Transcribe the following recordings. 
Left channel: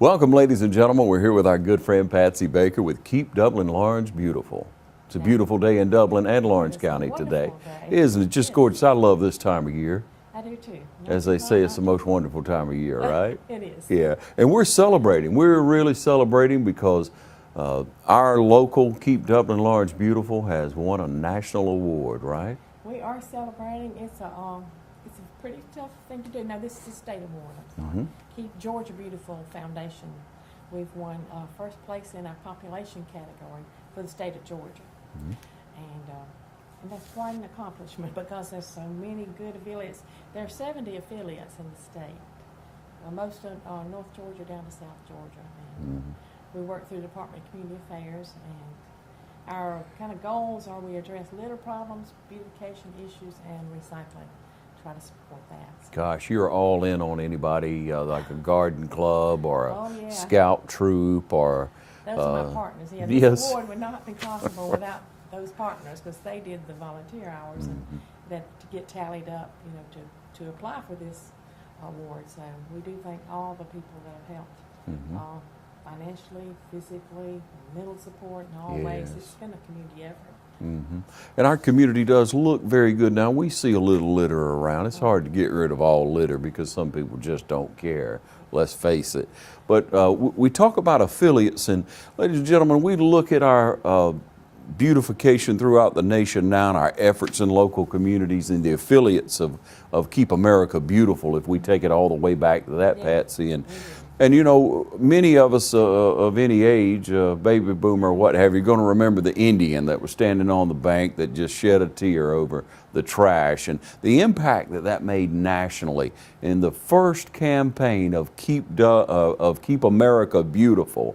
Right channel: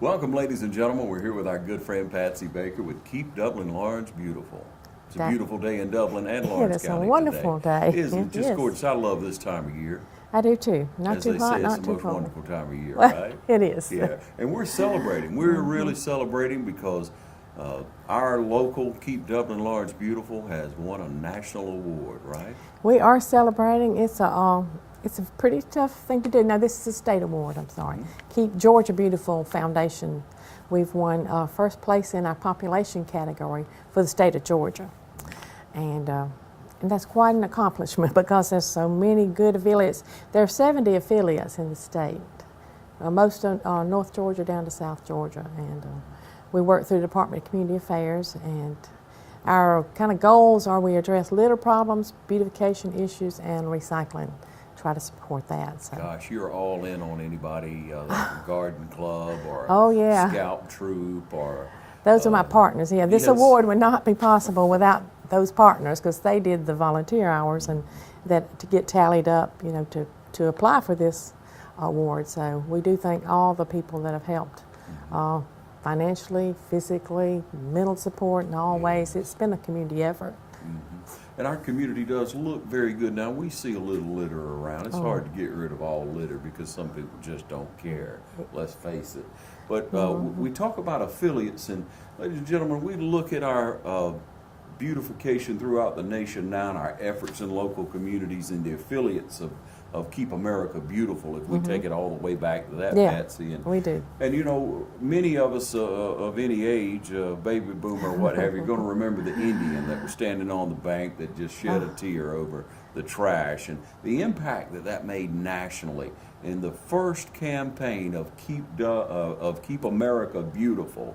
Welcome, ladies and gentlemen. We're here with our good friend Patsy Baker with Keep Dublin-Laurens Beautiful. It's a beautiful day in Dublin and Lawrence County today. It's a wonderful day. Isn't it just gorgeous? I love this time of year. I do too. Not As too they hot, say, it's not the too most cold. wonderful time of year, right? It is. Yeah, and we're celebrating. We're really celebrating because our local Keep Dublin-Laurens Beautiful has won a national award, right? We are celebrating. It's a pretty tough thing to do. Now, this is a state award, I'm sorry. Keep Georgia Beautiful Foundation. We've won first place in our population category for the state of Georgia. And that's quite an accomplishment because there's so many good affiliates. There are 70 affiliates in the state, most of North Georgia down to South Georgia. And we work through the Department of Community Affairs, and our kind of goals are we address litter problems, beautification issues, and recycling. Try to support that. So. Gosh, you're all in on anybody like a garden club or a scout troop or... Those are my partners. Yeah, this award would not be possible without those partners because they did the volunteer hours and that to get tallied up, you know, to apply for this award. So we do thank all the people that have helped financially, physically, mental support in all ways. It's been a community effort. And our community does look very good. Now, we see a little litter around. It's hard to get rid of all litter because some people just don't care, let's face it. But we talk about affiliates, and ladies and gentlemen, we look at our beautification throughout the nation now and our efforts in local communities and the affiliates of Keep America Beautiful, if we take it all the way back to that, Patsy. And, we do. And you know, many of us of any age, baby boomer, what have you, going to remember the Indian that was standing on the bank that just shed a tear over the trash and the impact that that made nationally in the first campaign of Keep America Beautiful.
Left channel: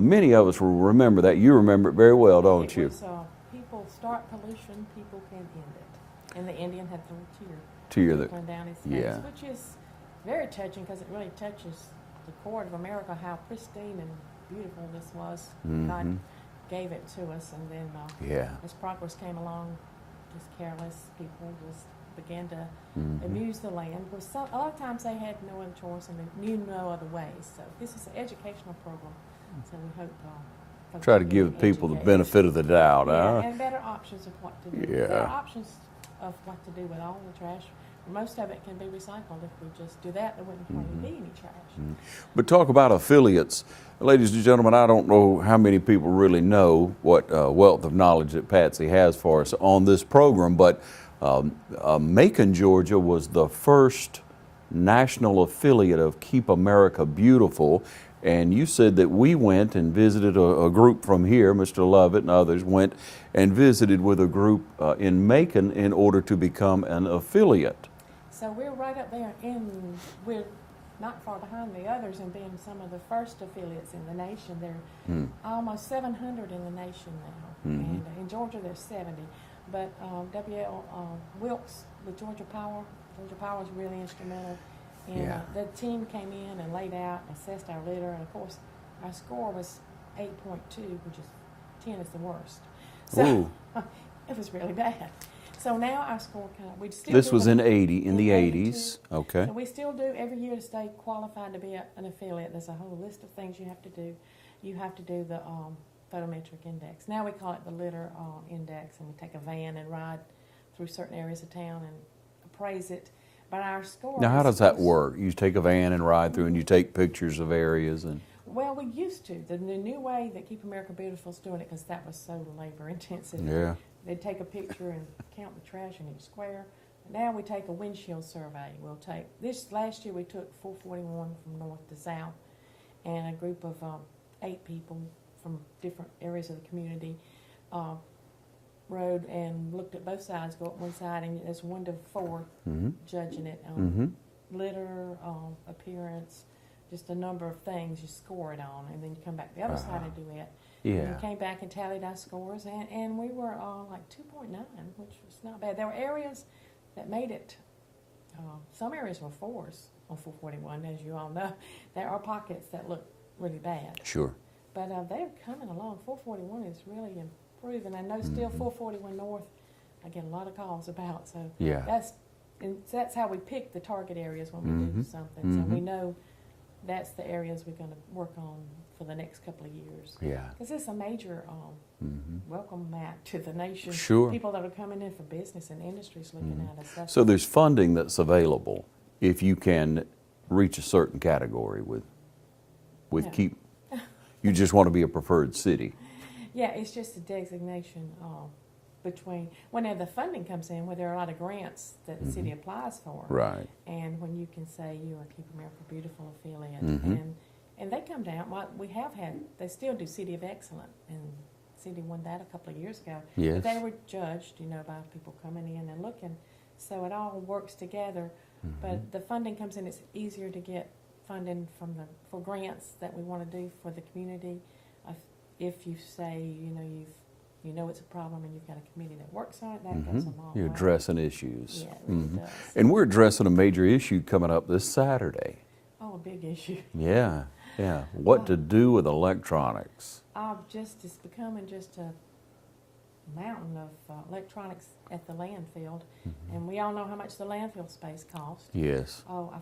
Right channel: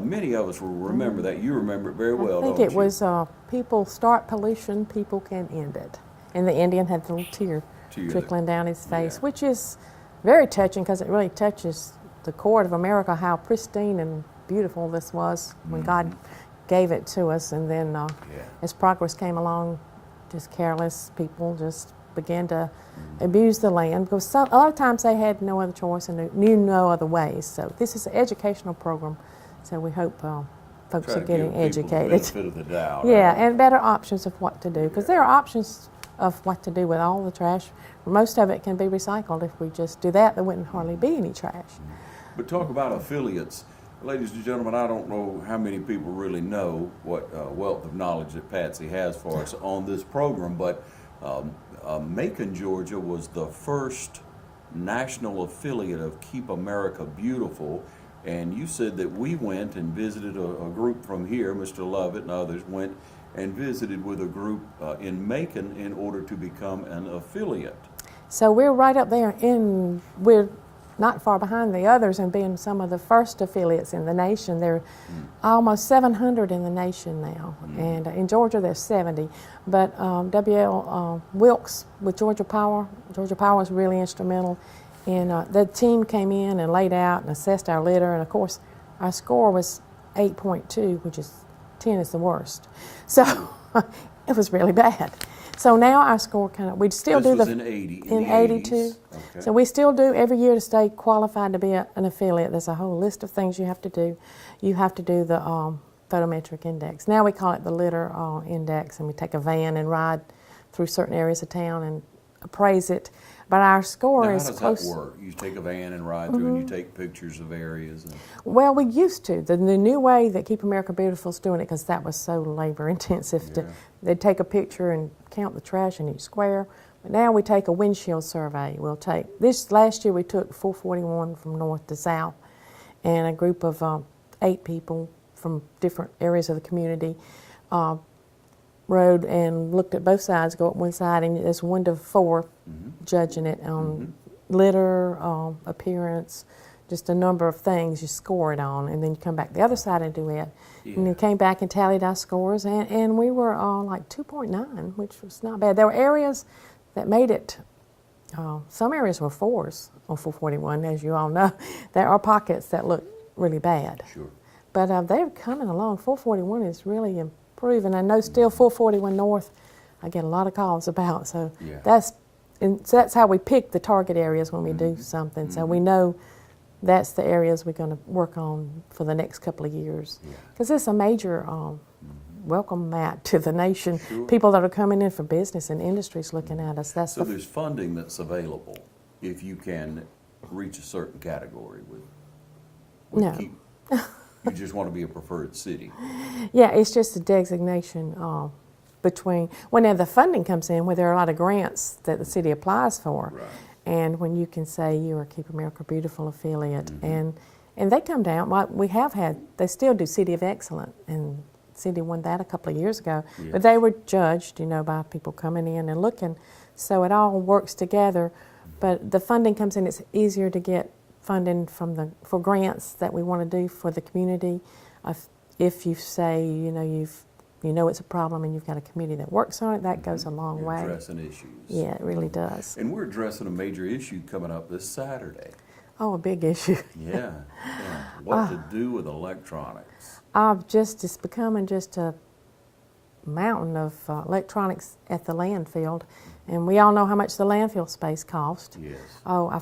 Many of us will remember that. You remember it very well, don't you? I think it was people start pollution, people can end it. And the Indian had the little tear trickling down his face, which is very touching because it really touches the core of America, how pristine and beautiful this was when God gave it to us. And then as progress came along, just careless people just began to abuse the land because a lot of times they had no other choice and knew no other ways. So this is an educational program. So we hope folks try are to getting give people educated. the benefit of the doubt. And better options of what to do. Because there are options of what to do with all the trash. Most of it can be recycled. If we just do that, there wouldn't hardly be any trash. But talk about affiliates. Ladies and gentlemen, I don't know how many people really know what wealth of knowledge that Patsy has for us on this program, but Macon, Georgia was the first national affiliate of Keep America Beautiful. And you said that we went and visited a group from here, Mr. Lovett and others went and visited with a group in Macon in order to become an affiliate. So we're right up there we're not far behind the others in being some of the first affiliates in the nation. There are almost 700 in the nation now. And in Georgia there's 70. But W.L. Wilkes with Georgia Power was really instrumental. And the team came in and laid out and assessed our litter, and of course, our score was 8.2, which is 10 is the worst. So it was really bad. So now our score we still do. This was in the 80s. Okay. So we still do every year to stay qualified to be an affiliate. There's a whole list of things you have to do. You have to do the photometric index. Now we call it the litter index, and we take a van and ride through certain areas of town and appraise it. But our score now, is how does that work? You take a van and ride through and you take pictures of areas? Well, we used to. The new way that Keep America Beautiful is doing it, because that was so labor intensive. They'd take a picture and count the trash in each square. But now we take a windshield survey. Last year we took 441 from north to south, and a group of 8 people from different areas of the community rode and looked at both sides, go up one side, and there's 1 to 4 judging it on litter, appearance, just a number of things you score it on, and then you come back the other side and do it. And then came back and tallied our scores, and we were like 2.9, which was not bad. There were areas that made it, some areas were 4s on 441, as you all know. There are pockets that look really bad. Sure. But they're coming along. 441 is really improving. I know still 441 North, I get a lot of calls about. So that's how we pick the target areas when we do something. So we know that's the areas we're going to work on for the next couple of years. Yeah. Because it's a major welcome mat to the nation. Sure. People that are coming in for business and industries looking at us. That's So there's funding that's available if you can reach a certain category with No. keep. You just want to be a preferred city. Yeah, it's just a designation between, now the funding comes in where there are a lot of grants that the city applies for. Right. And when you can say you're a Keep America Beautiful affiliate, and they come down, we have had, they still do City of Excellence, and City won that a couple of years ago. Yes. But they were judged, by people coming in and looking, so it all works together. But the funding comes in, it's easier to get funding for grants that we want to do for the community. If you say, it's a problem and you've got a committee that works on it, that goes a long You're way. addressing issues. Yeah, it really does. And we're addressing a major issue coming up this Saturday. Oh, a big issue. Yeah, yeah. What to do with electronics. It's becoming just a mountain of electronics at the landfill. And we all know how much the landfill space costs. Yes. Oh, I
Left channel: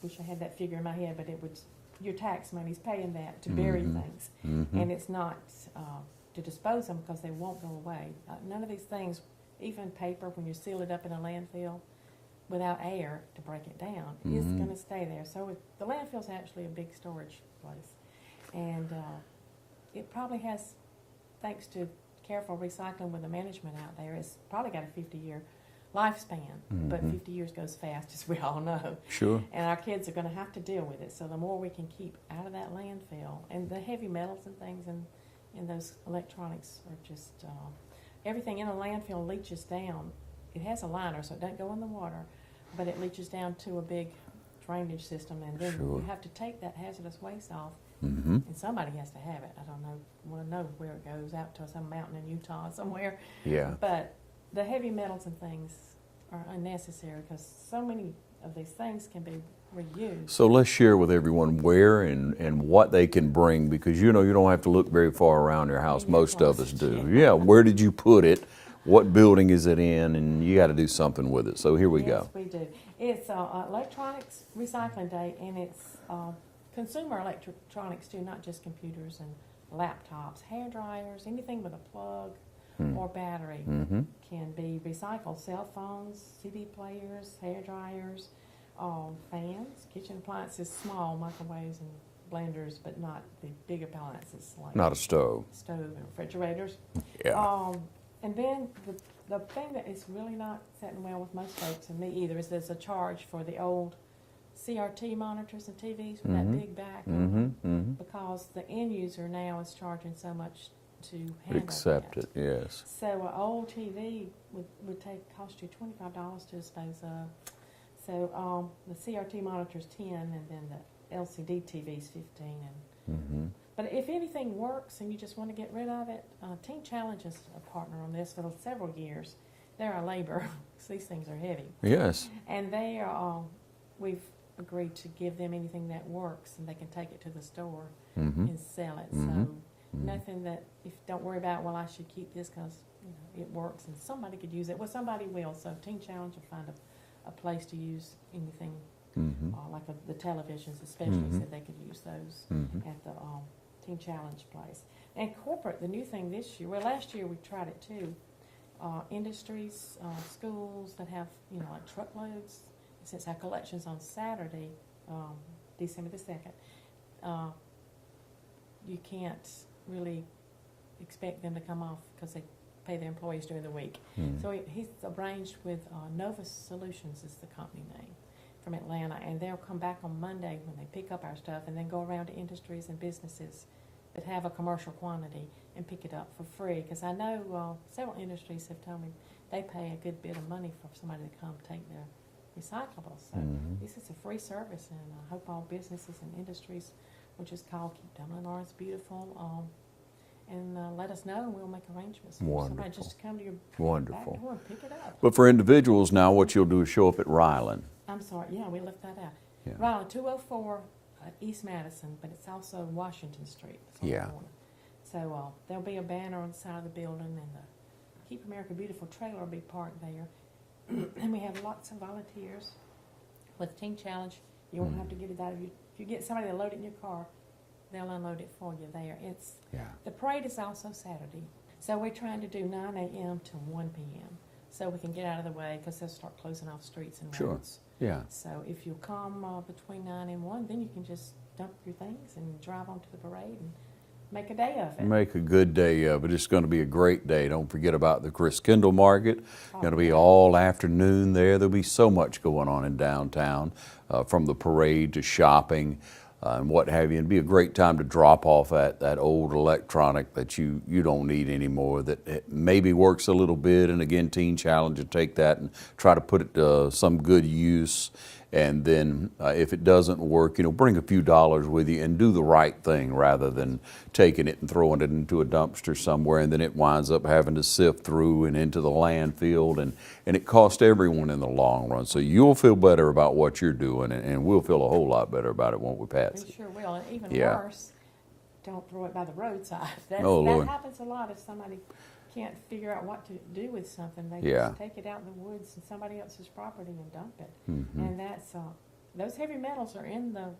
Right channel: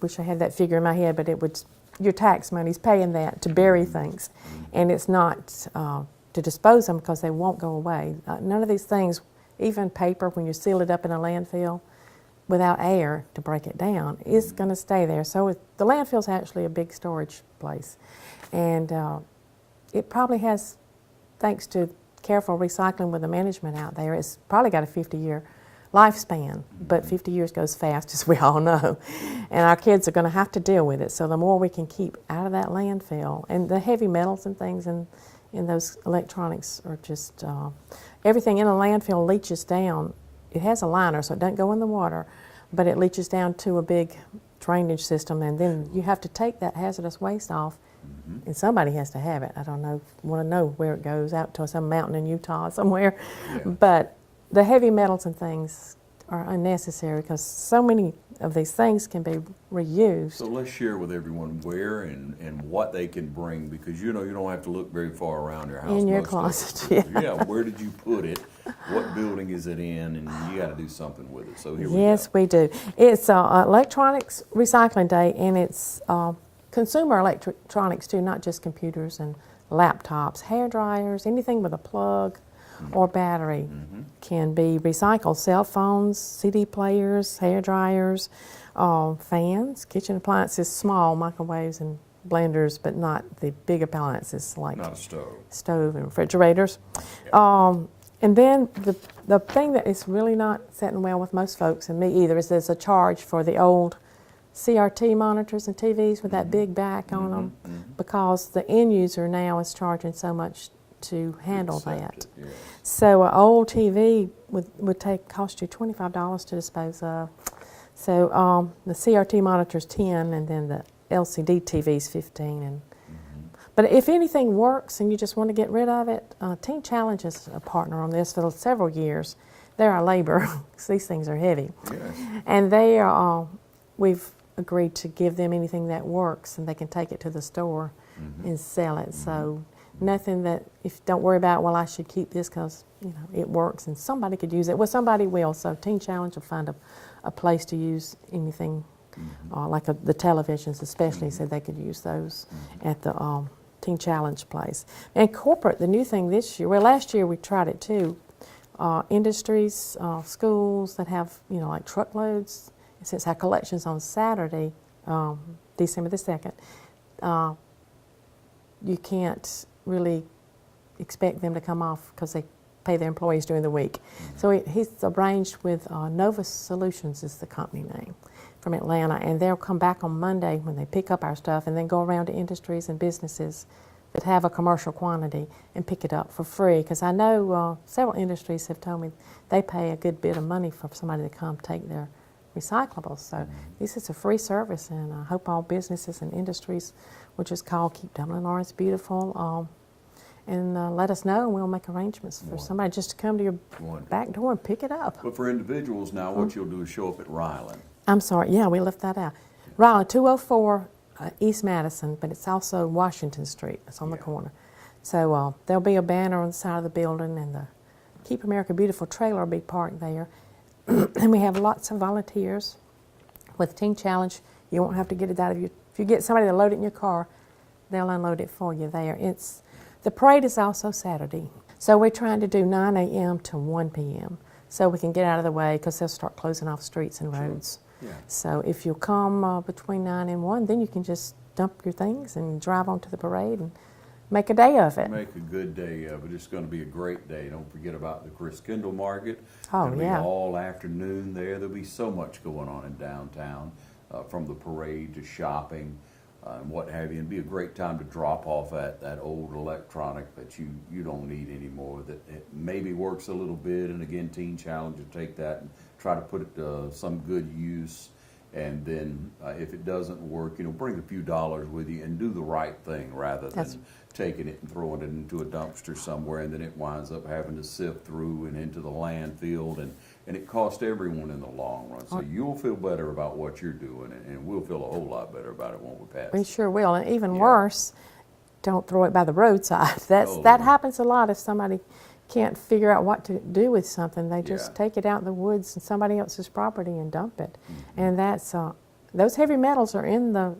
wish I had that figure in my head, but your tax money's paying that to bury things. And it's not to dispose them because they won't go away. None of these things, even paper, when you seal it up in a landfill without air to break it down, is going to stay there. So the landfill's actually a big storage place. And it probably has, thanks to careful recycling with the management out there, it's probably got a 50-year lifespan, but 50 years goes fast, as we all know. Sure. And our kids are going to have to deal with it. So the more we can keep out of that landfill, and the heavy metals and things in those electronics are just, everything in a landfill leaches down. It has a liner, so it doesn't go in the water, but it leaches down to a big drainage system, and then you have to take that hazardous waste off, and somebody has to have it. I don't know, want to know where it goes, out to some mountain in Utah somewhere. Yeah. But the heavy metals and things are unnecessary because so many of these things can be reused. So let's share with everyone where and what they can bring, because you don't have to look very far around your house. In your Most closet, of us do. Yeah. Where did you put it? What building is it in? And you got to do something with it. So here we go. Yes, we do. It's Electronics Recycling Day, and it's consumer electronics too, not just computers and laptops, hair dryers, anything with a plug or battery can be recycled. Cell phones, CD players, hair dryers, fans, kitchen appliances, small microwaves and blenders, but not the big appliances like Not a stove. stove and refrigerators. Yeah. And then the thing that is really not sitting well with most folks, and me either, is there's a charge for the old CRT monitors and TVs with that big back on them, because the end user now is charging so much to handle Accept that. it, yes. So an old TV would cost you $25 to dispose of. So the CRT monitor's 10, and then the LCD TV's 15. And but if anything works and you just want to get rid of it, Teen Challenge is a partner on this for several years. They're our labor, because these things are heavy. Yes. And they are, we've agreed to give them anything that works, and they can take it to the store and sell it. So nothing that, don't worry about, well, I should keep this because it works and somebody could use it. Well, somebody will. So Teen Challenge will find a place to use anything, like the televisions especially, said they could use those at the Teen Challenge place. And corporate, the new thing this year, well, last year we tried it too, industries, schools that have, like truckloads. Since our collection's on Saturday, December the 2nd, you can't really expect them to come off because they pay their employees during the week. So he's arranged with Nova Solutions is the company name, from Atlanta, and they'll come back on Monday when they pick up our stuff and then go around to industries and businesses that have a commercial quantity and pick it up for free. Because I know several industries have told me they pay a good bit of money for somebody to come take their recyclables. So this is a free service, and I hope all businesses and industries will just call Keep Dublin-Laurens Beautiful and let us know, and we'll make arrangements for somebody just to come to your back door and pick it up. But for individuals now, what you'll do is show up at Ryland. I'm sorry, yeah, we left that out. Ryland, 204 East Madison, but it's also Washington Street. It's on the corner. So there'll be a banner on the side of the building, and the Keep America Beautiful trailer will be parked there. And we have lots of volunteers with Teen Challenge. You won't have to get it out of your you get somebody to load it in your car, they'll unload it for you there. The parade is also Saturday. So we're trying to do 9 a.m. to 1 p.m. so we can get out of the way because they'll start closing off streets and roads. Yeah. So if you come between 9 and 1, then you can just dump your things and drive on to the parade and make a day of it. Make a good day of it. It's going to be a great day. Don't forget about the Chris Kendall Market. Oh, It'll be yeah. all afternoon there. There'll be so much going on in downtown, from the parade to shopping and what have you. It'd be a great time to drop off that old electronic that you don't need anymore, that it maybe works a little bit. And again, Teen Challenge will take that and try to put it to some good use. And then if it doesn't work, bring a few dollars with you and do the right thing rather than taking it and throwing it into a dumpster somewhere, and then it winds up having to sift through and into the landfill, and it costs everyone in the long run. So you'll feel better about what you're doing, and we'll feel a whole lot better about it, won't we, Patsy? We sure will. And even Yeah. worse, don't throw it by the roadside. That Lord. happens a lot if somebody can't figure out what to do with something. They just Yeah. take it out in the woods and somebody else's property and dump it. Mm-hmm. And that's those heavy metals are in the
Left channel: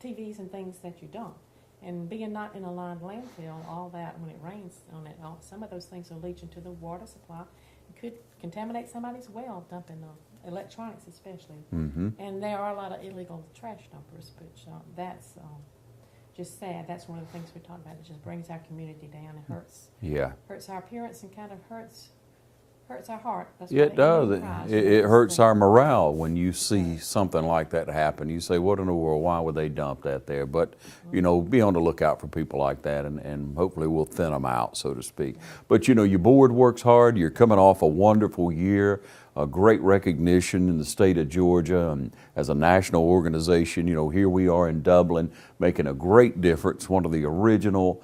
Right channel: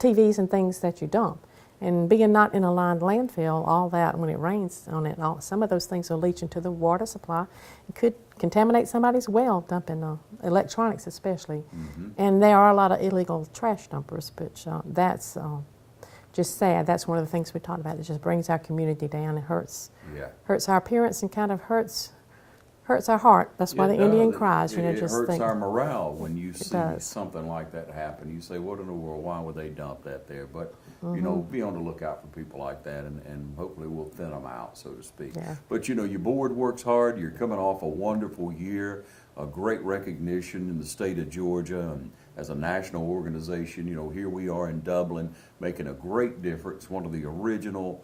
TVs and things that you dump. And being not in a lined landfill, all that, when it rains on it, some of those things will leach into the water supply. It could contaminate somebody's well, dumping electronics especially. Mm-hmm. And there are a lot of illegal trash dumpers, but that's just sad. That's one of the things we talked about. It just brings our community down. It hurts our appearance and kind of hurts our heart. That's why the Indian cries. It hurts our morale when you see does. something like that happen. You say, what in the world, why would they dump that there? But, be on the lookout for people like that, and hopefully we'll thin them out, so to speak. Yeah. But, your board works hard. You're coming off a wonderful year, a great recognition in the state of Georgia, and as a national organization, here we are in Dublin making a great difference, one of the original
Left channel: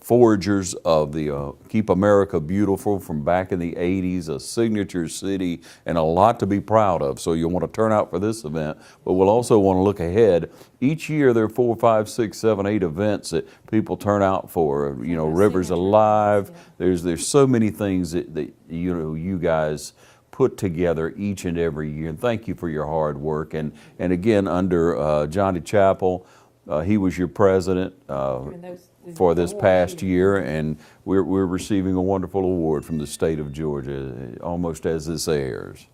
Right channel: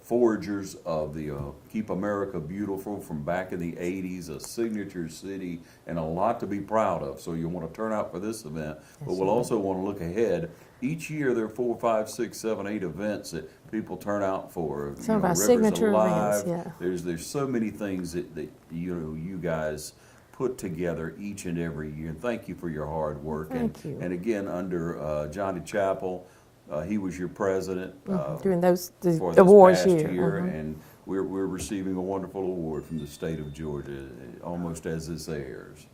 forgers of the Keep America Beautiful from back in the 80s, a signature city, and a lot to be proud of. So you'll want to turn out for this event, but we'll also want to look ahead. Each year there are 4, 5, 6, 7, 8 events that people turn out for. Some of our Rivers signature Alive. events, yeah. There's so many things that you guys put together each and every year. And thank you for your hard work. Thank you. And again, under Johnny Chappell, he was your president during for the this wars past year, Mhm. and we're receiving a wonderful award from the state of Georgia almost as this airs.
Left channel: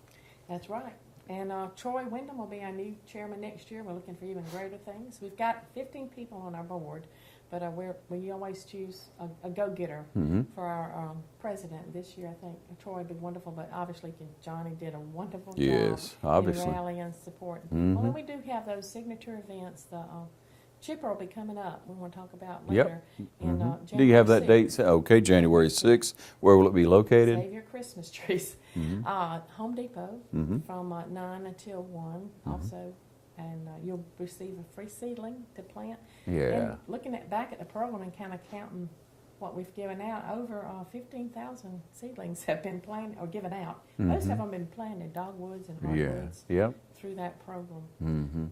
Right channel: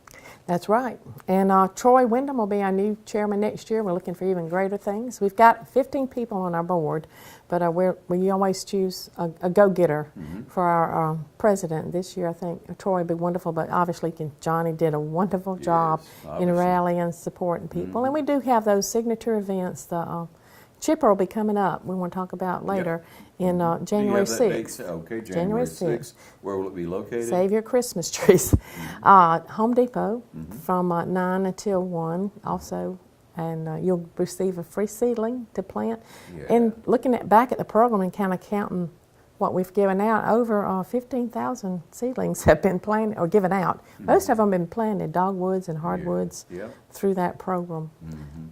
That's right. And Troy Wyndham will be our new chairman next year. We're looking for even greater things. We've got 15 people on our board, but we always choose a go-getter for our president. This year, I think Troy would be wonderful, but obviously Johnny did a wonderful job in obviously. rallying and supporting people. And we do have those signature events. The Chipper will be coming up. We want to talk about later in January 6th. Do you have that date? Okay, January 6th. Where will it be located? Save your Christmas trees. Home Depot from 9 until 1 also. And you'll receive a free seedling to plant. Yeah. And looking back at the program and kind of counting what we've given out, over 15,000 seedlings have been planted or given out. Most of them have been planted, dogwoods and hardwoods, Yep. through that program.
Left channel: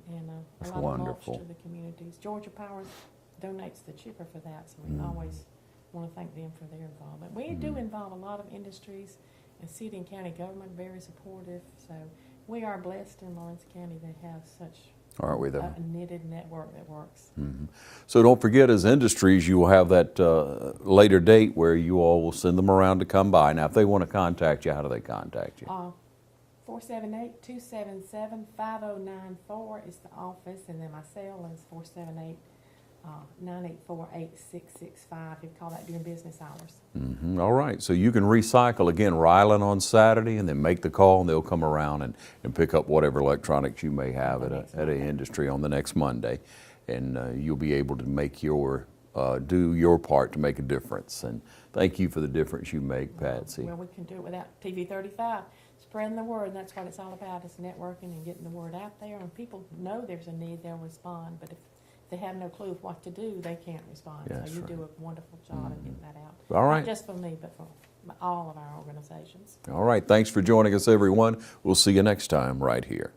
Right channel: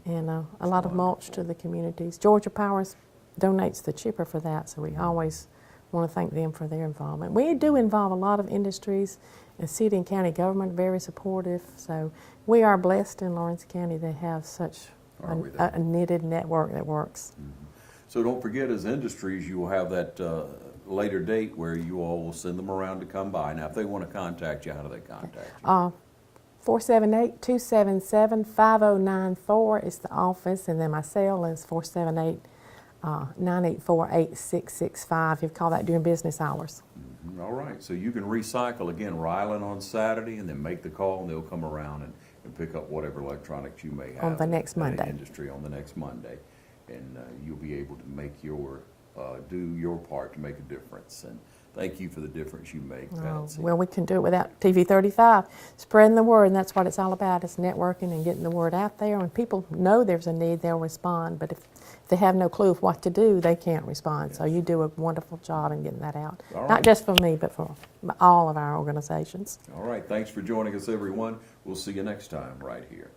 And a lot of mulch wonderful. to the communities. Georgia Powers donates the chipper for that, so we always want to thank them for their involvement. We do involve a lot of industries, and city and county government very supportive. So we are blessed in Lawrence County to have such Are we, though? a knitted network that works. So don't forget, as industries, you will have that later date where you all will send them around to come by. Now, if they want to contact you, how do they contact you? 478-277-5094 is the office, and then my cell is 478-984-8665. You can call that during business hours. All right, so you can recycle, again, Ryland on Saturday, and then make the call, and they'll come around and pick up whatever electronics you may have the at next an Monday. industry on the next Monday. And you'll be able to make do your part to make a difference. And thank you for the difference you make, Patsy. Well, we can do it without TV 35. Spreading the word, and that's what it's all about, is networking and getting the word out there. When people know there's a need, they'll respond. But if they have no clue of what to do, they can't respond. So you do a wonderful job in getting that out. All right. Not just for me, but for all of our organizations. All right, thanks for joining us, everyone. We'll see you next time right here.